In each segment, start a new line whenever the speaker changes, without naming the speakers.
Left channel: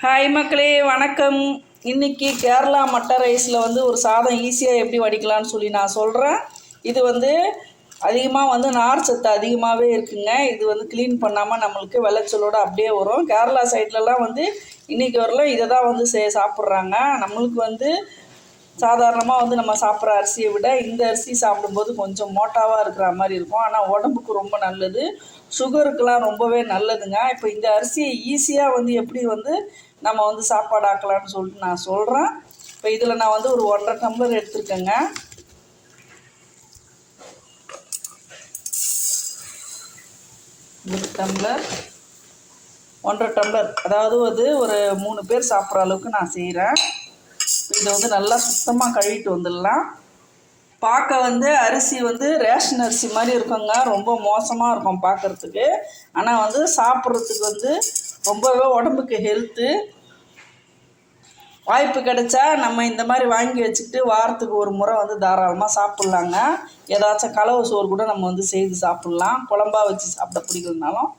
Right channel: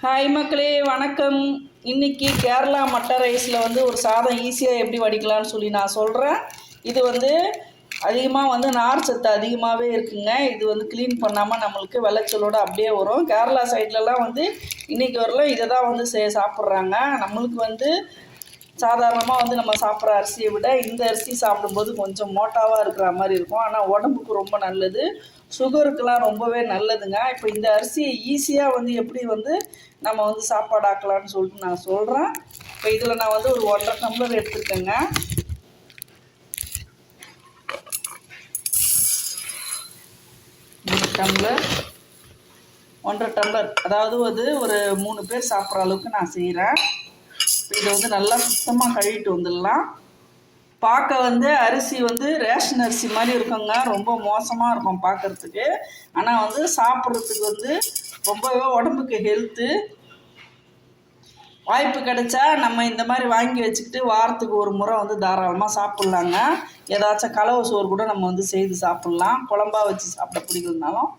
Hi மக்களே வணக்கம். இன்னைக்கு கேரளா மட்டை ரைஸில் வந்து ஒரு சாதம் ஈஸியாக எப்படி வடிக்கலாம்னு சொல்லி நான் சொல்கிறேன் இது வந்து அதிகமாக வந்து நார் சத்து அதிகமாகவே இருக்குங்க. இது வந்து க்ளீன் பண்ணாமல் நம்மளுக்கு விளைச்சலோடு அப்படியே வரும். கேரளா சைட்லலாம் வந்து இன்றைக்கி வரலாம் இதை தான் வந்து சே சாப்பிட்றாங்க. நம்மளுக்கு வந்து சாதாரணமாக வந்து நம்ம சாப்பிட்ற அரிசியை விட இந்த அரிசி சாப்பிடும்போது கொஞ்சம் மோட்டாவாக இருக்கிற மாதிரி இருக்கும். ஆனால் உடம்புக்கு ரொம்ப நல்லது. சுகருக்கெலாம் ரொம்பவே நல்லதுங்க. இப்போ இந்த அரிசியை ஈஸியாக வந்து எப்படி வந்து நம்ம வந்து சாப்பாடு ஆக்கலாம்னு சொல்லிட்டு நான் சொல்கிறேன் இப்போ இதில் நான் வந்து ஒரு ஒன்றரை டம்ளர் எடுத்துருக்கேங்க. ஒரு டம்ளர். ஒன்றரை டம்ளர். அதாவது அது ஒரு மூணு பேர் சாப்பிட்ற அளவுக்கு நான் செய்கிறேன் இதை வந்து நல்லா சுத்தமாக கழுவிட்டு வந்துடலாம். பார்க்க வந்து அரிசி வந்து ரேஷன் அரிசி மாதிரி இருக்குங்க. ரொம்ப மோசமாக இருக்கும் பார்க்குறதுக்கு. ஆனால் வந்து சாப்பிட்றதுக்கு வந்து ரொம்பவே உடம்புக்கு ஹெல்த்து வாய்ப்பு கிடைச்சா நம்ம இந்த மாதிரி வாங்கி வச்சுக்கிட்டு வாரத்துக்கு ஒரு முறை வந்து தாராளமாக சாப்பிட்லாங்க. ஏதாச்சும் கலவு சோறு கூட நம்ம வந்து செய்து சாப்பிட்லாம். குழம்பா வச்சு சாப்பிட பிடிக்கலனாலும்.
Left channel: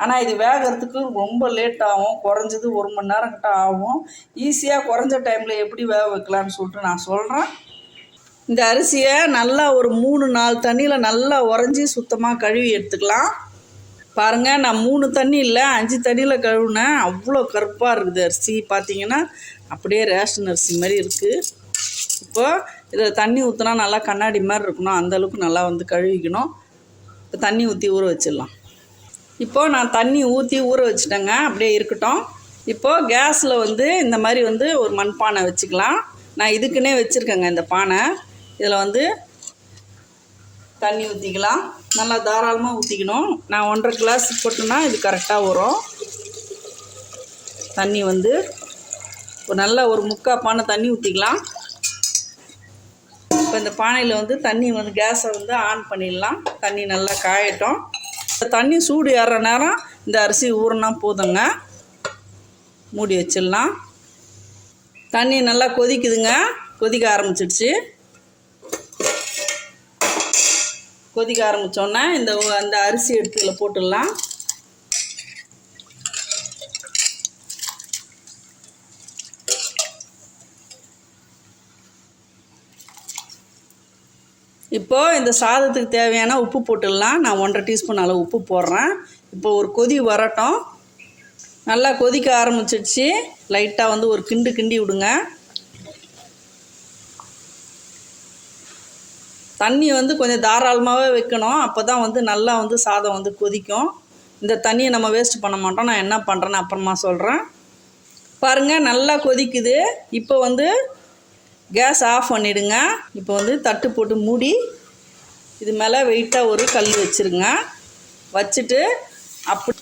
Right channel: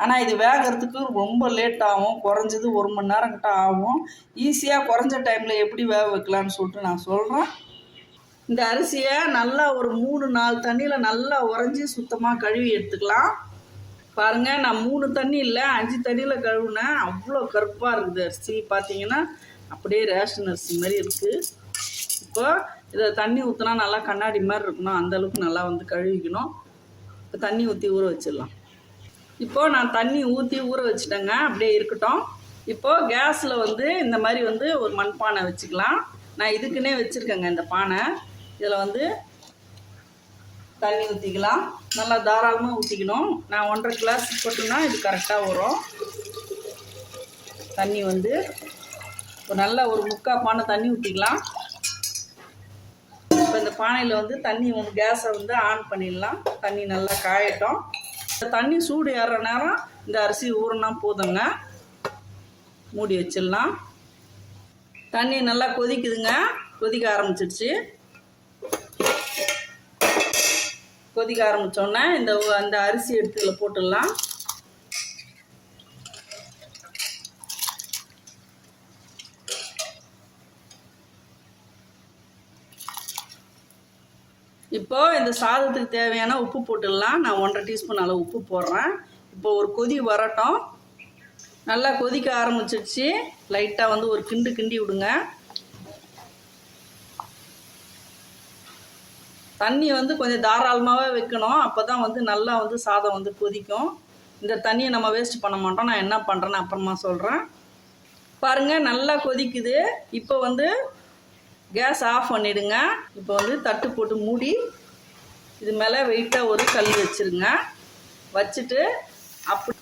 ஆனால் இது வேகிறதுக்கு ரொம்ப லேட் ஆகும். குறைஞ்சது ஒரு மணி நேரம் கிட்ட ஆகும். ஈஸியாக குறைஞ்ச டைமில் எப்படி வேக வைக்கலான்னு சொல்லிட்டு நான் சொல்கிறேன் இந்த அரிசியை நல்லா ஒரு மூணு நாலு தண்ணியில் நல்லா உறைஞ்சி சுத்தமாக கழுவி எடுத்துக்கலாம். பாருங்கள் நான் மூணு தண்ணி இல்லை அஞ்சு தண்ணியில் கழுவுனேன். அவ்வளோ கருப்பாக இருக்குது அரிசி. பார்த்தீங்கன்னா அப்படியே ரேஷன் அரிசி மாதிரி இருக்குது இப்போது இதில் தண்ணி ஊற்றினா நல்லா கண்ணாடி மாதிரி இருக்கணும். அந்தளவுக்கு நல்லா வந்து கழுவிக்கணும். இப்போ தண்ணி ஊற்றி ஊற வச்சிடலாம். இப்போது நான் தண்ணி ஊற்றி ஊற வச்சுட்டேங்க. அப்படியே இருக்கட்டும். இப்போது கேஸில் வந்து இந்த மாதிரி வந்து ஒரு மண்பானை வச்சுக்கலாம். நான் இதுக்குன்னே வச்சுருக்கேங்க இந்த பானை. இதில் வந்து தண்ணி ஊற்றிக்கலாம். நல்லா தாராளமாக ஊற்றிக்கணும். நான் ஒன்றரை கிளாஸ் போட்டேன்னா இது கரெக்டாக வரும். தண்ணி வந்து இப்போ நல்லா ஒரு முக்கால் பானை தண்ணி ஊற்றிக்கலாம். இப்போ இந்த பானையில் வந்து தண்ணி வந்து கேஸை வந்து ஆன் பண்ணிடலாம். தண்ணி நல்லா காயட்டும். இந்த தண்ணி சூடு ஏறுற நேரம் இந்த அரிசி ஊறினா போதுங்க. மூடி வச்சிடலாம். தண்ணி நல்லா கொதிக்குதுங்க. கொதிக்க ஆரம்பிச்சிடுச்சு கொதிக்க ஆரம்பித்தோன்னே இந்த அந்த அரிசி எடுத்து இதில் போட்டுடலாம். இப்போது இந்த சாதத்துக்கு தேவையான உப்பு போட்டுடலாம். நான் ஒன்றரை டீஸ்பூன் அளவு உப்பு போடுறேன். இப்போ ஒரு கொதி வரட்டும். நல்லா கொதிக்க ஆரம்பிச்சிடுச்சு லைட்டாக வந்து ஒரு கிண்டு கிண்டி விடுங்க. தண்ணி வந்து கொஞ்சம் தாராளமாகவே வைக்கணும். அப்போ தான் வந்து நல்லா வந்து சாதம் வந்து கொதிக்கும். இந்த தண்ணியை நம்ம வேஸ்ட் பண்ண மாட்டோம். நான் என்ன பண்ணுறேன்னு அப்புறமா சொல்கிறேன் பாருங்கள் நல்லா கொதிக்குது. இப்போ வந்து கேஸ் ஆஃப் பண்ணிவிடுங்க இப்போ வந்து தட்டு போட்டு மூடி இது மேலே வெயிட்டாக ஒரு கல் வச்சுருங்க. வச்சுட்டு அப்படி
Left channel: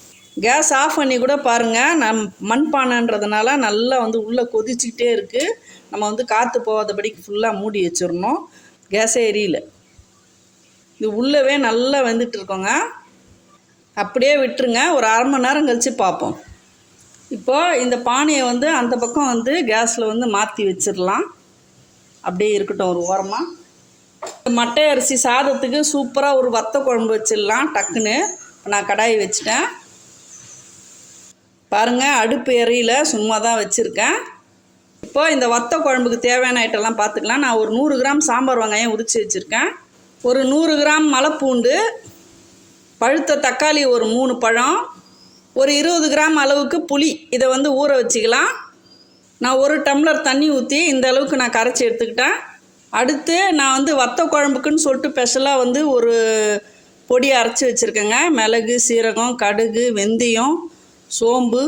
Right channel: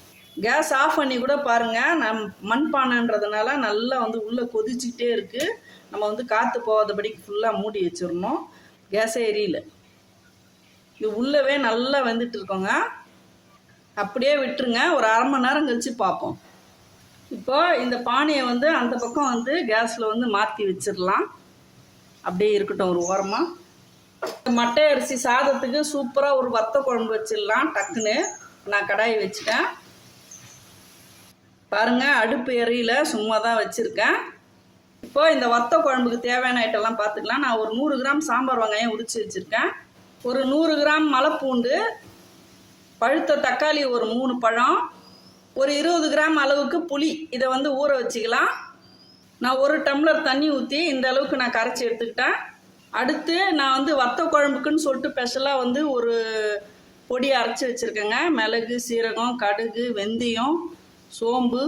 கேஸ் ஆஃப் பண்ணி கூட பாருங்கள் நம் மண்பானைன்றதுனால நல்லா வந்து உள்ளே கொதிச்சுக்கிட்டே இருக்குது நம்ம வந்து காற்று போகாதபடிக்கு ஃபுல்லாக மூடி வச்சிடணும். கேஸே எரியல. இது உள்ளவே நல்லா வந்துட்டு இருக்கோங்க அப்படியே விட்டுருங்க. ஒரு அரை மணி நேரம் கழித்து பார்ப்போம். இப்போது இந்த பானையை வந்து அந்த பக்கம் வந்து கேஸில் வந்து மாற்றி வச்சிடலாம். அப்படியே இருக்கட்டும் ஒரு ஓரமாக மட்டை அரிசி சாதத்துக்கு சூப்பராக ஒரு வத்த குழம்பு வச்சிடலாம் டக்குன்னு. நான் கடாய் வச்சுட்டேன். பாருங்கள் அடுப்பு எறியில் சும்மா தான் வச்சுருக்கேன். இப்போ இந்த வத்த குழம்புக்கு தேவையான ஐட்டம்லாம் பார்த்துக்கலாம். நான் ஒரு நூறு கிராம் சாம்பார் வெங்காயம் உரித்து வச்சுருக்கேன். ஒரு நூறு கிராம் மலைப்பூண்டு பழுத்த தக்காளி ஒரு மூணு பழம் ஒரு இருபது கிராம் அளவுக்கு புளி இதை வந்து ஊற வச்சுக்கலாம். நான் ஒரு டம்ளர் தண்ணி ஊற்றி இந்த அளவுக்கு நான் கரைச்சி எடுத்துக்கிட்டேன். அடுத்து நான் வந்து வத்த குழம்புக்குன்னு சொல்லிட்டு ஸ்பெஷலாக வந்து ஒரு பொடி அரைச்சி வச்சுருக்கேங்க. மிளகு சீரகம் கடுகு வெந்தயம் சோம்பு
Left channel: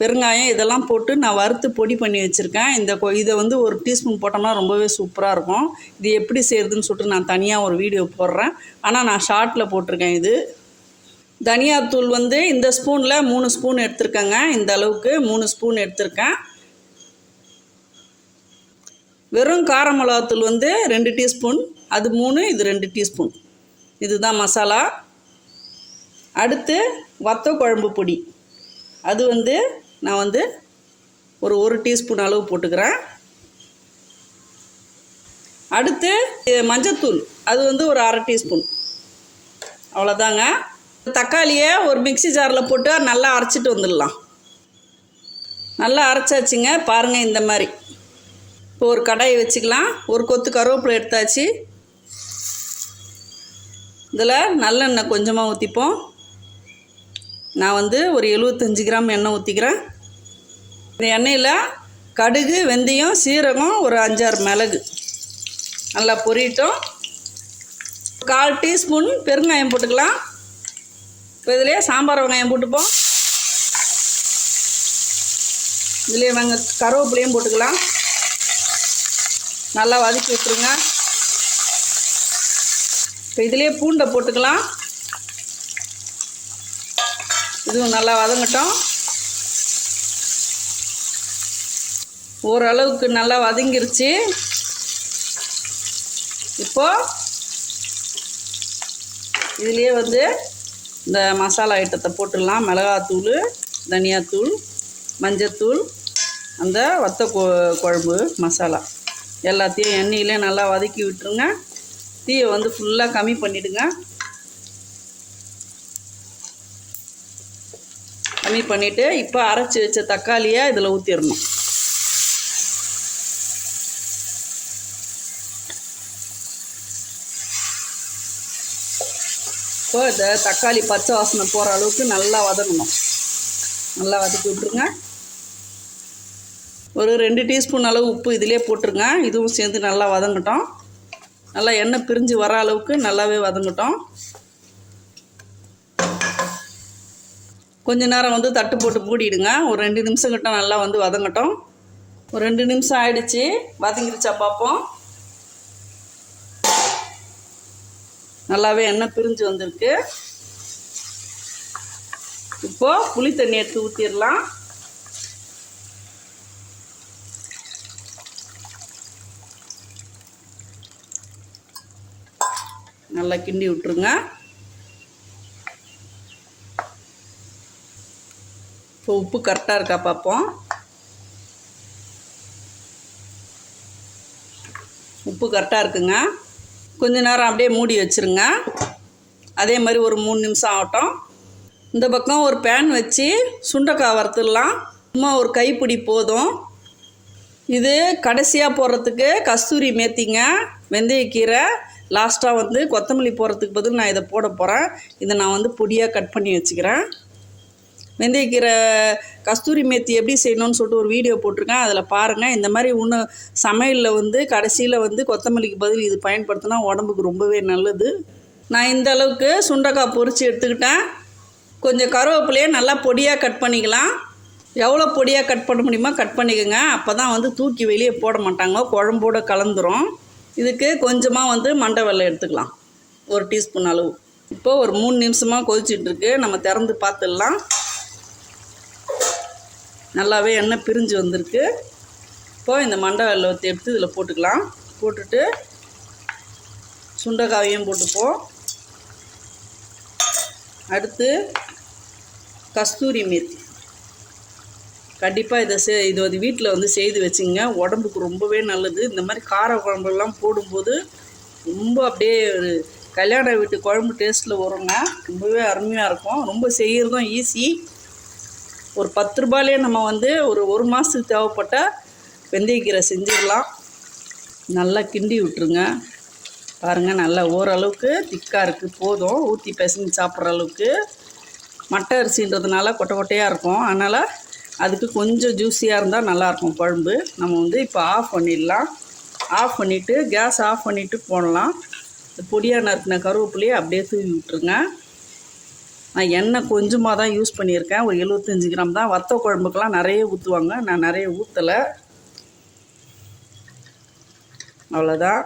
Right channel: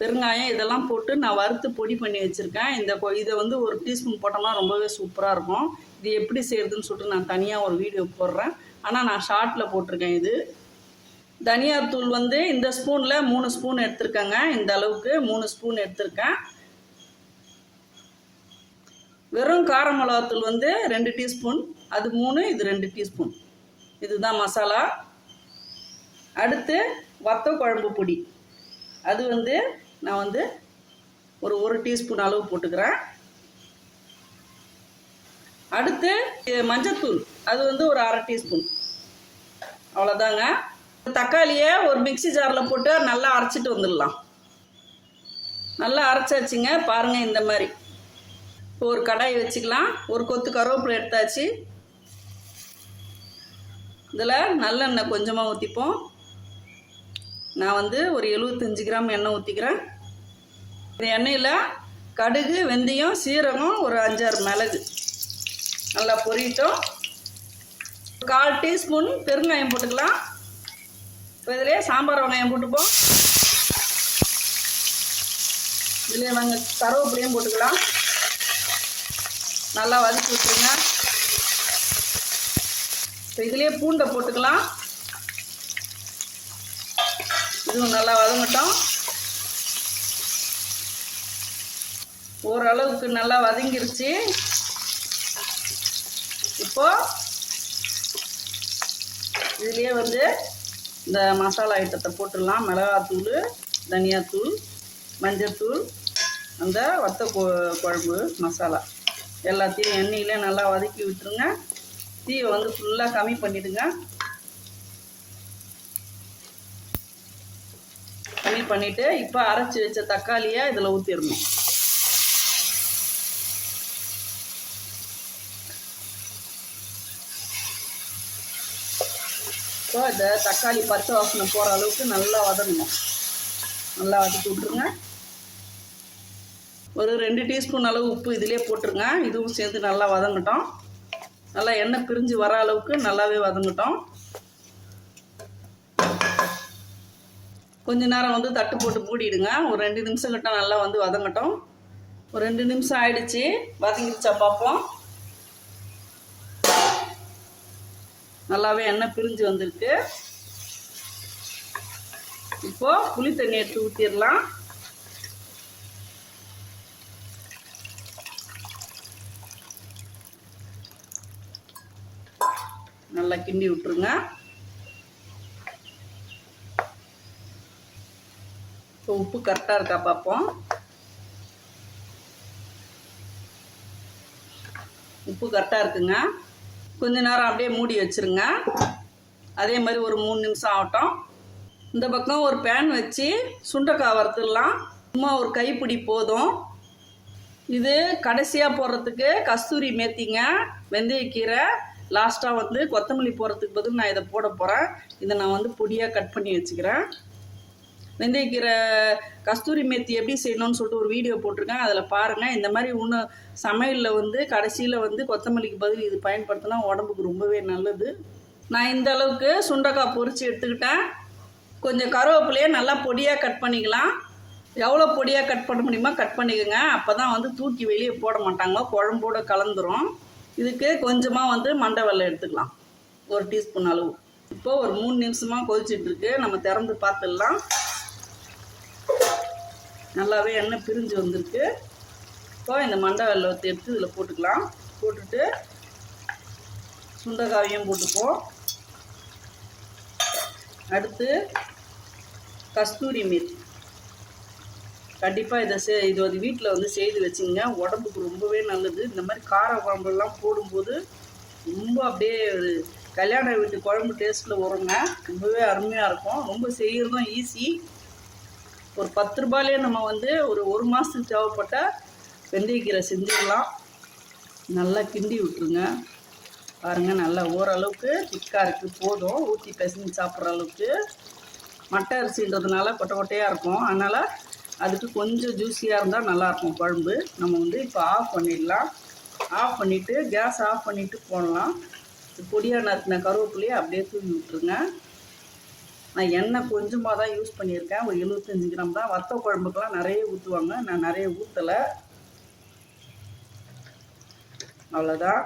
பெருங்காயம் இதெல்லாம் போட்டு நான் வறுத்து பொடி பண்ணி வச்சுருக்கேன். இந்த கொ- இதை வந்து ஒரு டீஸ்பூன் போட்டோம்னா ரொம்பவே சூப்பராக இருக்கும். இது எப்படி செய்கிறதுன்னு சொல்லிட்டு நான் தனியாக ஒரு வீடியோ போடுறேன். ஆனால் நான் ஷார்ட்டில் போட்டிருக்கேன் இது. தனியாத்தூள் வந்து இந்த ஸ்பூனில் மூணு ஸ்பூன் எடுத்திருக்கேங்க. இந்த அளவுக்கு மூணு ஸ்பூன் எடுத்திருக்கேன். வெறும் கார மிளகாத்தூள் வந்து ரெண்டு டீஸ்பூன் அது மூணு இது ரெண்டு டீஸ்பூன். இதுதான் மசாலா. அடுத்து வத்த குழம்பு பொடி. அது வந்து நான் வந்து ஒரு ஒரு டீஸ்பூன் அளவு போட்டுக்கிறேன். அடுத்து இது மஞ்சத்தூள் அது வந்து ஒரு அரை டீஸ்பூன். அவ்வளோதாங்க. தக்காளியை ஒரு மிக்ஸி ஜாரில் போட்டு நல்லா அரைச்சிட்டு வந்துடலாம். நல்லா அரைச்சாச்சுங்க. பாருங்கள் இந்த மாதிரி. இப்போ ஒரு கடாயை வச்சுக்கலாம். ஒரு கொத்து கருவேப்பிலை எடுத்தாச்சு. இதில் நல்லெண்ணெய் கொஞ்சமாக ஊற்றிப்போம். நான் வந்து ஒரு எழுபத்தஞ்சு கிராம் எண்ணெய் ஊற்றிக்கிறேன் இந்த எண்ணெயில் கடுகு வெந்தயம் சீரகம் ஒரு அஞ்சாறு மிளகு. நல்லா பொரியட்டும். கால் டீஸ்பூன் பெருங்காயம் போட்டுக்கலாம். இப்போ இதிலே சாம்பார் வெங்காயம் போட்டுப்போம். இதுலேயே வெங்க கருவேப்பிலையும் போட்டுக்கலாம். நல்லா வதக்கி விட்டுருங்க. இப்போ இதுலேயே பூண்டை போட்டுக்கலாம். இதுவும் நல்லா வதங்கட்டும். ஓரளவுக்கு நல்லா வதங்கிருச்சு. இப்போ இதுலேயே வந்து இந்த மசாலா ஐட்டத்தை போட்டுடலாம். மிளகாத்தூள் தனியாத்தூள் மஞ்சத்தூள் அந்த வத்த கொ குழம்பு மசாலா. எல்லாத்தையும் எண்ணெயிலே நல்லா வதக்கி விட்டுருங்க. தீயை வந்து ஃபுல்லாக கம்மி பண்ணிவிடுங்க கம்மி பண்ணிவிட்டு இப்போ அரைச்சி வச்ச தக்காளியை இதில் ஊற்றிடணும் இப்போ இந்த தக்காளி பச்சை வாசனை போகிற அளவுக்கு நல்லா வதங்கணும். நல்லா வதக்கி விட்ருங்க ஒரு ரெண்டு டீஸ்பூன் அளவு உப்பு இதிலே போட்டுருங்க. இதுவும் சேர்ந்து நல்லா வதங்கட்டும். நல்லா எண்ணெய் பிரிஞ்சு வர அளவுக்கு நல்லாவே வதங்கட்டும். கொஞ்ச நேரம் வந்து தட்டு போட்டு மூடிடுங்க. ஒரு ரெண்டு நிமிஷம் கிட்ட நல்லா வந்து வதங்கட்டும். ஒரு ரெண்டு நிமிஷம் ஆயிடுச்சு. வதங்கிடுச்சா பார்ப்போம் நல்லாவே எண்ணெய் பிரிஞ்சு வந்திருக்கு. இப்போ புளி தண்ணி எடுத்து ஊற்றிடலாம் நல்லா கிண்டி விட்டுருங்க. இப்போ உப்பு கரெக்டாக இருக்கா பார்ப்போம். உப்பு கரெக்டாக இருக்குங்க. கொஞ்ச நேரம் அப்படியே மூடி வச்சுருங்க. அதே மாதிரி ஒரு மூணு நிமிஷம் ஆகட்டும். இந்த பக்கம் ஒரு பேன் வச்சு சுண்டைக்காய் வறுத்துடலாம். சும்மா ஒரு கைப்பிடி போதும். இது கடைசியாக போடுறதுக்கு கஸ்தூரி மேத்திங்க வெந்தயக்கீரை லாஸ்ட்டாக வந்து கொத்தமல்லி போடுறதுக்கு பதில் நான் இதை போட போகிறேன் இதை நான் வந்து பொடியாக கட் பண்ணி வச்சுக்கிறேன். வெந்தயக்கீரை கஸ்தூரி மேத்தி எப்படி செய்யணும்னு சொல்லிட்டு ஒரு வீடியோ போட்டிருக்கேன். அதில் பாருங்கள் இந்த மாதிரி இன்னும் சமையலில் வந்து கடைசியில் வந்து கொத்தமல்லிக்கு பதில் இது பயன்படுத்தினா உடம்புக்கு ரொம்பவே நல்லது. நான் இந்த அளவுக்கு சுண்டக்காய் பொரித்து எடுத்துக்கிட்டேன். கொஞ்சம் கருவேப்பிலையே நல்லா பொடியாக கட் பண்ணிக்கலாம். எவ்வளோ பொடியாக கட் பண்ண முடியுமோ கட் பண்ணிக்கோங்க. அப்போ தான் வந்து தூக்கி வெளியே போட மாட்டாங்க. குழம்போடு கலந்துரும். இதுக்கு கொஞ்சமாக வந்து மண்டை வெள்ளை எடுத்துக்கலாம். ஒரு டீஸ்பூன் அளவு. இப்போது ஒரு மூணு நிமிஷமாக கொதிச்சிட்ருக்கு நம்ம திறந்து பார்த்துடலாம். நல்லாவே எண்ணெய் பிரிஞ்சு வந்திருக்கு. இப்போது இந்த மண்டை வெள்ளத்தை எடுத்து இதில் போட்டுக்கலாம். போட்டுட்டு சுண்டைக்காவையும் போட்டுப்போம். அடுத்து கஸ்தூரி மேத்தி கண்டிப்பாக இதை செ இது வந்து வீட்டில் வந்து செய்து வச்சுங்க. உடம்புக்கு ரொம்பவே நல்லது. இந்த மாதிரி கார குழம்புலாம் போடும்போது ரொம்ப அப்படியே ஒரு கல்யாண வீட்டு குழம்பு டேஸ்ட்டில் வருங்க. ரொம்பவே அருமையாக இருக்கும். ரொம்ப செய்கிறதும் ஈஸி ஒரு பத்து ரூபாயிலே நம்ம வந்து ஒரு ஒரு மாதத்துக்கு தேவைப்பட்ட வெந்தயக்கீரை செஞ்சிடலாம். நல்லா கிண்டி விட்டுருங்க. பாருங்கள் நல்லா ஓரளவுக்கு திக்காக இருக்குது போதும். ஊற்றி பிசைஞ்சு சாப்பிட்ற அளவுக்கு. மட்டை அரிசின்றதுனால கொட்டை கொட்டையாக இருக்கும். அதனால் அதுக்கு கொஞ்சம் ஜூஸியாக இருந்தால் நல்லாயிருக்கும் குழம்பு. நம்ம வந்து இப்போ ஆஃப் பண்ணிடலாம். ஆஃப் பண்ணிவிட்டு கேஸ் ஆஃப் பண்ணிவிட்டு போடலாம். இந்த பொடியாக நறுக்கின கருவேப்பிலையை அப்படியே தூவி விட்டுருங்க. நான் எண்ணெய் கொஞ்சமாக தான் யூஸ் பண்ணியிருக்கேன். ஒரு எழுபத்தஞ்சி கிராம் தான். வத்த குழம்புக்கெலாம் நிறைய ஊற்றுவாங்க நான் நிறைய ஊற்றலை அவ்வளோதான்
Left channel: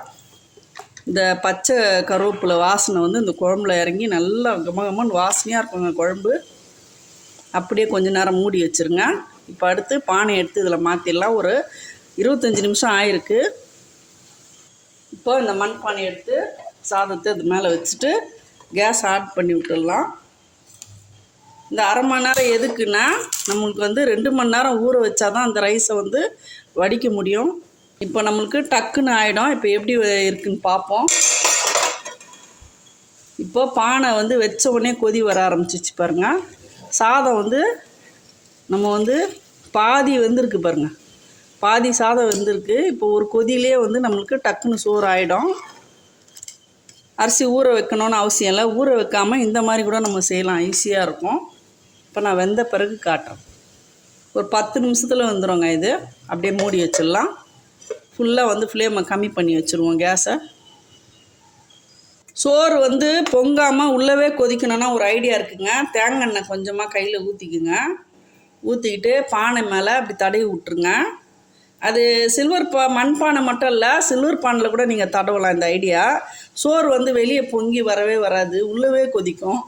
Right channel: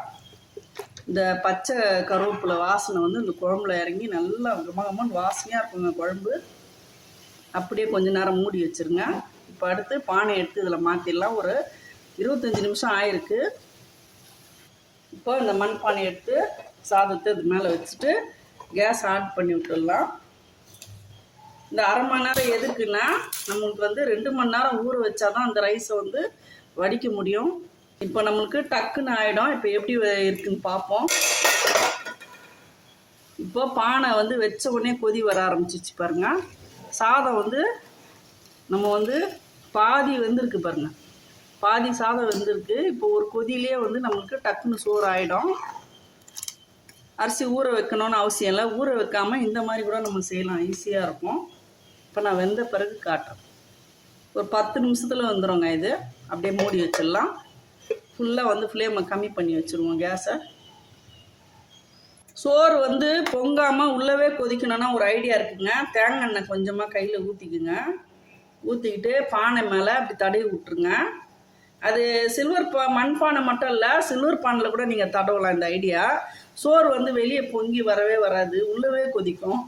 இந்த பச்சை கருவேப்பிலை வாசனை வந்து இந்த குழம்புல இறங்கி நல்லா கம கமன்னு வாசனையாக இருக்குங்க குழம்பு. அப்படியே கொஞ்ச நேரம் மூடி வச்சுருங்க. இப்போ அடுத்து பானை எடுத்து இதில் மாற்றிடலாம் ஒரு இருபத்தஞ்சி நிமிஷம் ஆயிருக்கு. இப்போ இந்த மண் பானை எடுத்து சாதத்தை இது மேலே வச்சுட்டு கேஸ் ஆட் பண்ணி விட்டுடலாம். இந்த அரை மணி நேரம் எதுக்குன்னா நம்மளுக்கு வந்து ரெண்டு மணி நேரம் ஊற வச்சா தான் அந்த ரைஸை வந்து வடிக்க முடியும். இப்போ நம்மளுக்கு டக்குன்னு ஆகிடும் இப்போ எப்படி இருக்குன்னு பார்ப்போம். இப்போ பானை வந்து வச்ச உடனே கொதி வர ஆரம்பிச்சிச்சு பாருங்கள் சாதம் வந்து நம்ம வந்து பாதி வெந்திருக்கு பாருங்க. பாதி சாதம் வெந்திருக்கு. இப்போ ஒரு கொதியிலே வந்து நம்மளுக்கு டக்குன்னு சோறு ஆகிடும் அரிசி ஊற வைக்கணும்னு அவசியம் இல்லை. ஊற வைக்காமல் இந்த மாதிரி கூட நம்ம செய்யலாம். ஈஸியாக இருக்கும். இப்போ நான் வெந்த பிறகு காட்டுறேன் ஒரு பத்து நிமிஷத்தில் வந்துடுங்க இது. அப்படியே மூடி வச்சிடலாம். ஃபுல்லாக வந்து ஃப்ளேமை கம்மி பண்ணி வச்சுருவோம் கேஸை. சோறு வந்து பொங்காமல் உள்ளவே கொதிக்கணும்னா ஒரு ஐடியா இருக்குங்க. தேங்காய் எண்ணெய் கொஞ்சமாக கையில் ஊற்றிக்குங்க ஊற்றிக்கிட்டு பானை மேலே அப்படி தடவி விட்ருங்க அது சில்வர் பா மண்பானை மட்டும் இல்லை சில்வர் பானையில் கூட நீங்கள் தடவலாம் இந்த ஐடியா சோறு வந்து வெளியே பொங்கி வரவே வராது. உள்ளவே கொதிக்கும்.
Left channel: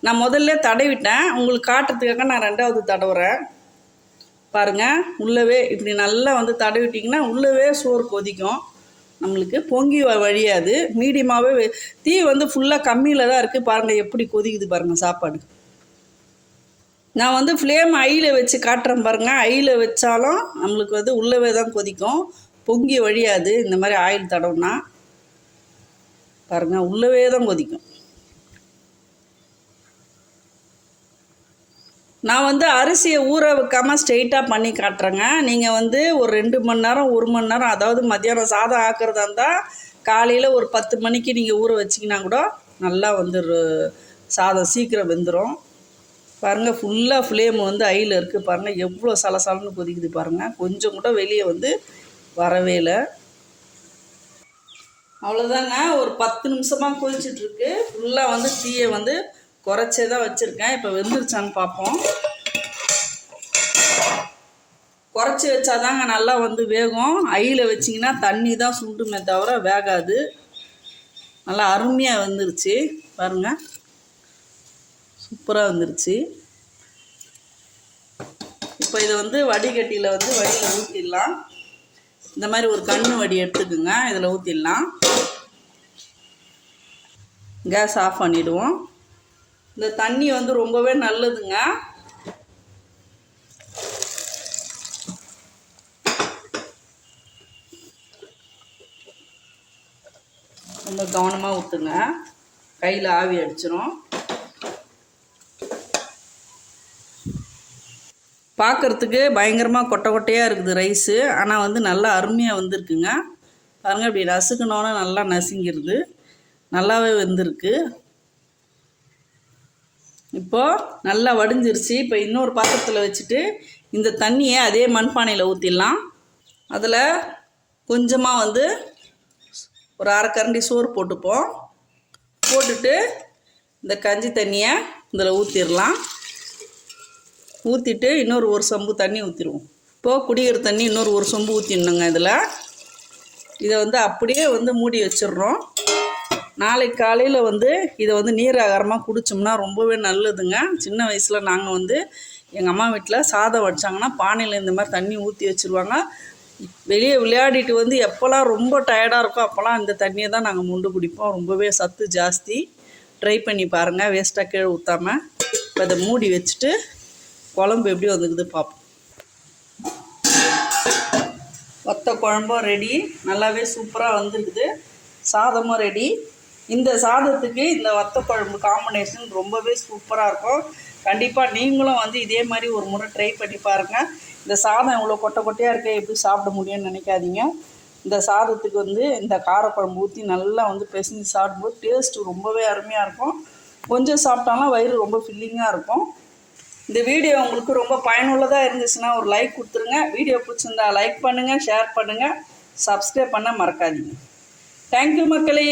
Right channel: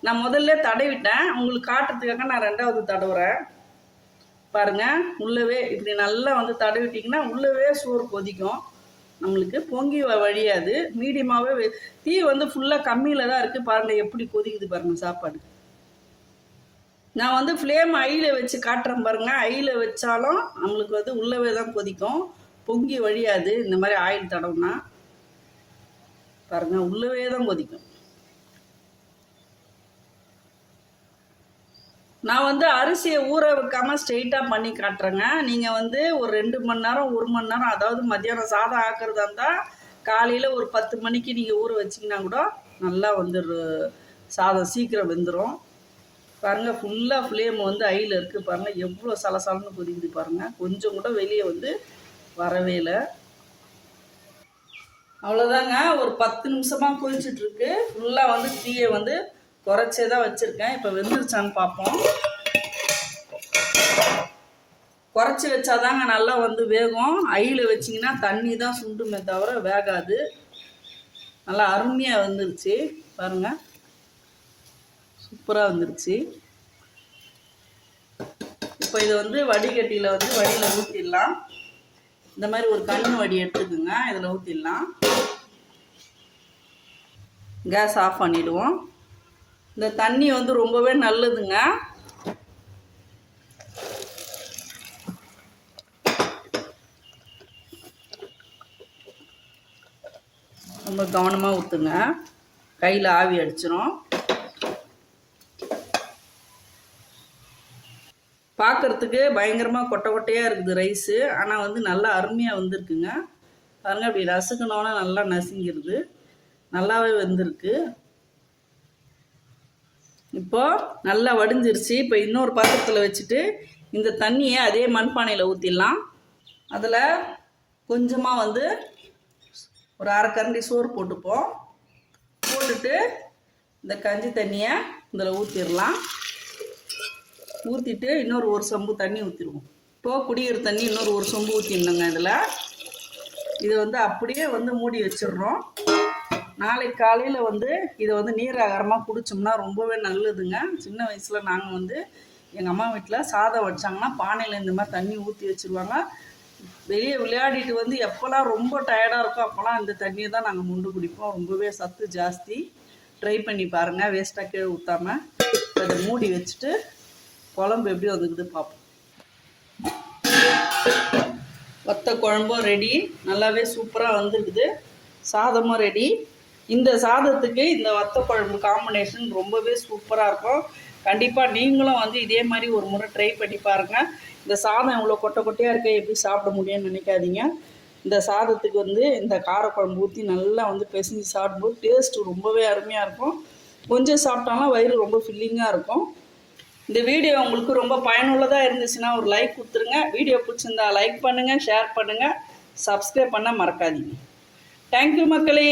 நான் முதல்ல தடவிட்டேன். உங்களுக்கு காட்டுறதுக்காக நான் ரெண்டாவது தடவுறேன். பாருங்கள் உள்ளவே இப்படி நல்லா வந்து தடவிட்டிங்கன்னா உள்ளவே சோறு கொதிக்கும். நம்மளுக்கு பொங்கி வ- வழியாது. மீடியமாகவே தீ வந்து ஃபுல்லாக கம்மியில் தான் இருக்குது பாருங்கள் எப்படி கொதிக்குது பாருங்கள் சாப்பாடு. நான் வந்து ஃப்ளேம் ஐயில் வச்சு காட்டுறேன் பாருங்கள் ஐயில் வச்சாலும் நம்மளுக்கு வந்து உள்ளவே தான் கொதிக்கும். பொங்கி வழியாது. இந்த மாதிரி ஆயில் தடவுனா. பாருங்கள் உள்ளவே தான் கொதிக்கும். நான் வந்து அரிசியை ஊற வைக்காமல் ஸ்ட்ரெயிட்டாக பண்ணி காட்டுறேங்க. நீங்கள் வந்து ஒரு ரெண்டு மணி நேரம் ஒரு மணி நேரம் அதாவது மத்தியானம் சாதம் ஆக்குறதா இருந்தால் காலையில் ஒரு பத்து மணிக்கு நீங்கள் ஊற வச்சிங்கன்னா கூட நல்லா வந்து சாதம் சீக்கிரம் வெந்துடும் பாருங்கள் ஃபுல்லாக ஃப்ளேம் வந்து ஐயில் இருக்குது பாருங்கள் எவ்வளோ சலசலன்னு கொதிக்குது பாருங்கள் கொஞ்சம் கூட வெளியே வந்து வரவே இல்லை. அவ்வளோதாங்க ஒரு பத்து நிமிஷமாக கொதிச்சிட்ருக்கு ஃபுல்லாக வந்து தீயை வந்து குறைச்சே தான் வச்சுருக்கேன். இப்போ வெந்துருச்சான்னு பார்ப்போம் குறைச்சி வச்சாதாங்க நல்லா வந்து வேகும். ஐயில் வச்சிங்கன்னா தண்ணி தான் சுண்டுமே தவிர வேகாது. நல்லா அருமையாக வந்துருச்சு. பாருங்கள் சூப்பராக வந்துருச்சு. இப்போ இது வந்து வடிகட்டியில் வந்து வடியில் ஊற்றிடலாம் இந்த மாதிரி ஒரு கண்ணு வடி எடுத்துக்குங்க. இதில் ஊற்றிடலாம் கேஸ் ஆஃப் பண்ணிவிடுவோம் இந்த தண்ணி வந்து ரொம்பவே நல்லதுங்க. ரொம்ப கவனமாக ஊற்றுங்க கையில் ஆவி அடிச்சிடும் பார்க்குறதுக்கு பயங்கரமாக கொட்டை கொட்டையாக இருக்குது ரைஸு. ஆனால் வந்து நல்லா அருமையாக வந்திருக்குங்க. பாருங்க இப்படி நசுக்கணுன்னு நல்லா நசுங்கிருது. நல்லாவே வந்திருக்கு. இப்போது நல்லா வடிஞ்சிருச்சு. இப்போ இன்னொரு பாத்திரத்தில் வச்சுட்டு இந்த தண்ணியை அதே மண்பானையில் ஊற்றிடலாம் அதில் கொஞ்சமாக வந்து ஒரு அரை கரண்டி சோறு போட்டுப்போம். போட்டுட்டு இந்த கஞ்சி தண்ணியை இதில் ஊற்றிடலாம் ஊற்றிட்டு இன்னொரு ஒரு சொம்பு தண்ணி ஊற்றிடுவோம் இப்போது குடிக்கிற தண்ணி இன்னொரு ஒரு சொம்பு ஊற்றிடணுங்க இதில். இதை வந்து அப்படியே வந்து மூடி வச்சிடுறோம். நாளைக்கு காலையில் வந்து இதை வந்து நீர் ஆகாரமாக குடித்தோம்னா ரொம்பவே நல்லதுங்க. சின்ன வயசில் நாங்கள் வந்து எங்கள் அம்மா வீட்டில் சாதம் வடிச்சாங்கன்னா பானையில் இந்த மாதிரி தண்ணி ஊற்றி வச்சுருவாங்க. வெளியே விளையாடிட்டு வந்து எப்போல்லாம் ரொம்ப டயர்டாக இருக்கோ அப்போல்லாம் இந்த தண்ணியை தான் நாங்கள் முண்டு குடிப்போம். ரொம்பவே சத்து ஜாஸ்தி. ட்ரை பண்ணி பாருங்கள் வேஸ்ட்டாக கீழே ஊற்றாமல் இப்போ அதை மூடி வச்சுட்டு குழம்பு எப்படி வந்துக்குது பார்ப்போம் ஒத்த குழம்பும் ரெடி நல்லாவே சூப்பராக வந்துருக்குது. சாதமும் ரெடி இந்த சாதத்துக்கு இந்த வத்தக்குழம்பு காம்பினேஷன் ரொம்பவே சூப்பராக இருக்கும். கண்டிப்பாக நீங்களும் வந்து இதே மாதிரி ஒரு முறை ட்ரை பண்ணி பாருங்கள் இந்த சாதம் இவ்வளோ கொட்டை கொட்டையாக இருக்க எப்படி சாப்பிட முடியும்னு நினைக்காதீங்க. இந்த சாதத்துக்கு வந்து இந்த காரக்குழம்பு ஊற்றி நல்லா வந்து பிசைஞ்சு சாப்பிடும்போது டேஸ்ட்டு ரொம்பவே அருமையாக இருக்கும். கொஞ்சம் சாப்பிட்டாலும் வயிறு ரொம்ப ஃபில்லிங்காக இருக்கும். இந்த வீடியோ உங்களுக்கு ரொம்ப பயனுள்ளதாக இருந்துச்சுன்னா ஒரு லைக் கொடுத்துருங்க. வீடியோ பிடிச்சிருந்தா லைக் பண்ணுங்கள் ஷேர் பண்ணுங்கள் சப்ஸ்கிரைப் பண்ண மறக்காதீங்க. தேங்க்யூ மக்களே.